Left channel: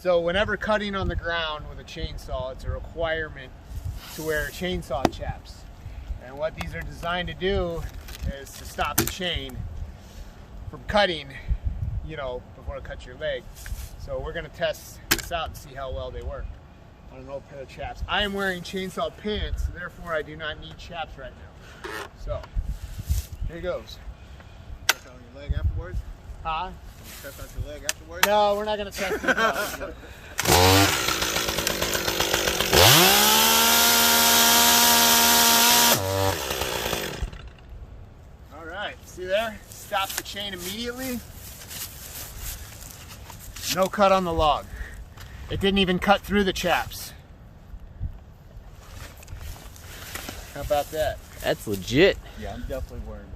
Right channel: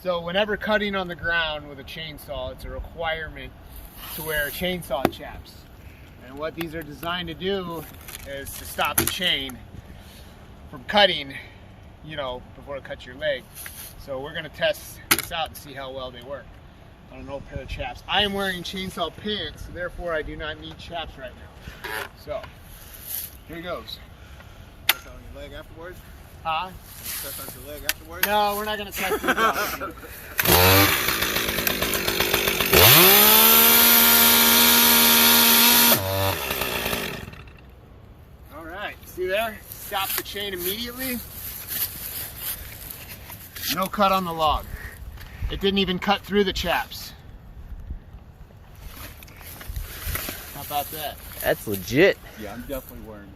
So whenever cutting on the ground with a chainsaw, it's a requirement to wear chainsaw chaps. And what these are designed to do is to stop the chain from cutting, you know, before it cuts your leg. So we're gonna test this out and see how well they work on an old pair of chaps. I am wearing chainsaw pants, so therefore I do not need chaps right now. So, here goes. Test on your leg afterwards? Huh? Test on your leg afterwards? No, we're not gonna test this out. All right, see there? Stop the chain immediately. No cut on the log. It didn't even cut through the chaps. How about that? That's legit. Yeah, I'm definitely wearing one.